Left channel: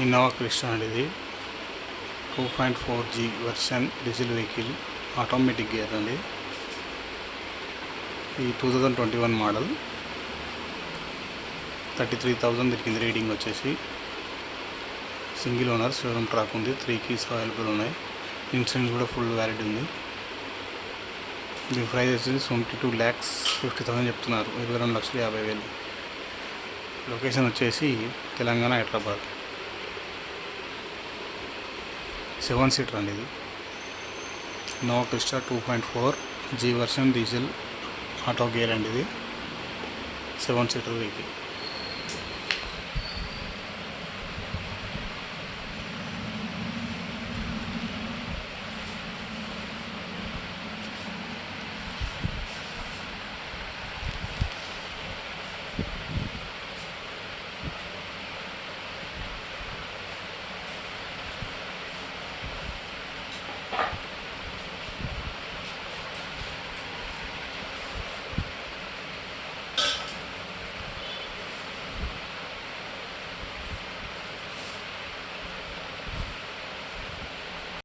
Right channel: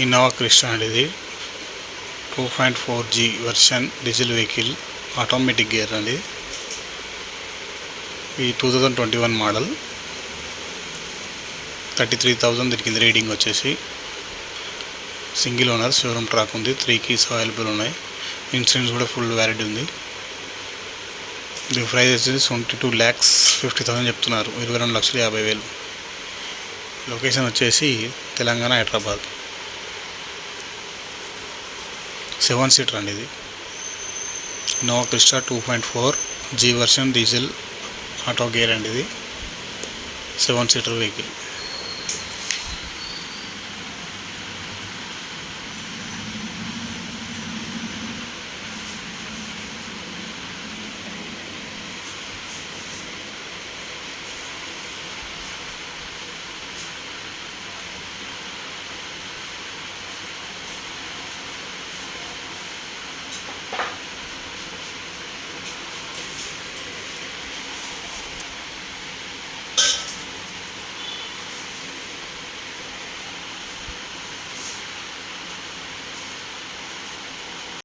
Innova Crysta అండి. ఇది 2.4G version diesel vehicle, automatic gear అండి. ఈ 2021 మోడల్. 33,000 దొరికింది రీడింగ్ వచ్చేసి. సింగిల్ ఓనర్, షోరూమ్ ట్రాక్ ఉంది. 3 keys అవైలబుల్ ఉన్నాయి. ఇన్సూరెన్స్ కూడా ఫుల్ వ్యాలిడ్ ఉంది. దీని ప్రైస్ వచ్చేసి 22,50,000 చెప్తున్నారు. 22,50,000. లొకేషన్ వచ్చేసి తెలంగాణ, హైదరాబాద్. 7 సీటర్ అండి ఇది. Innova Crysta 2.4G version diesel auto gear అండి. ఇది 7 సీటర్ వెహికల్.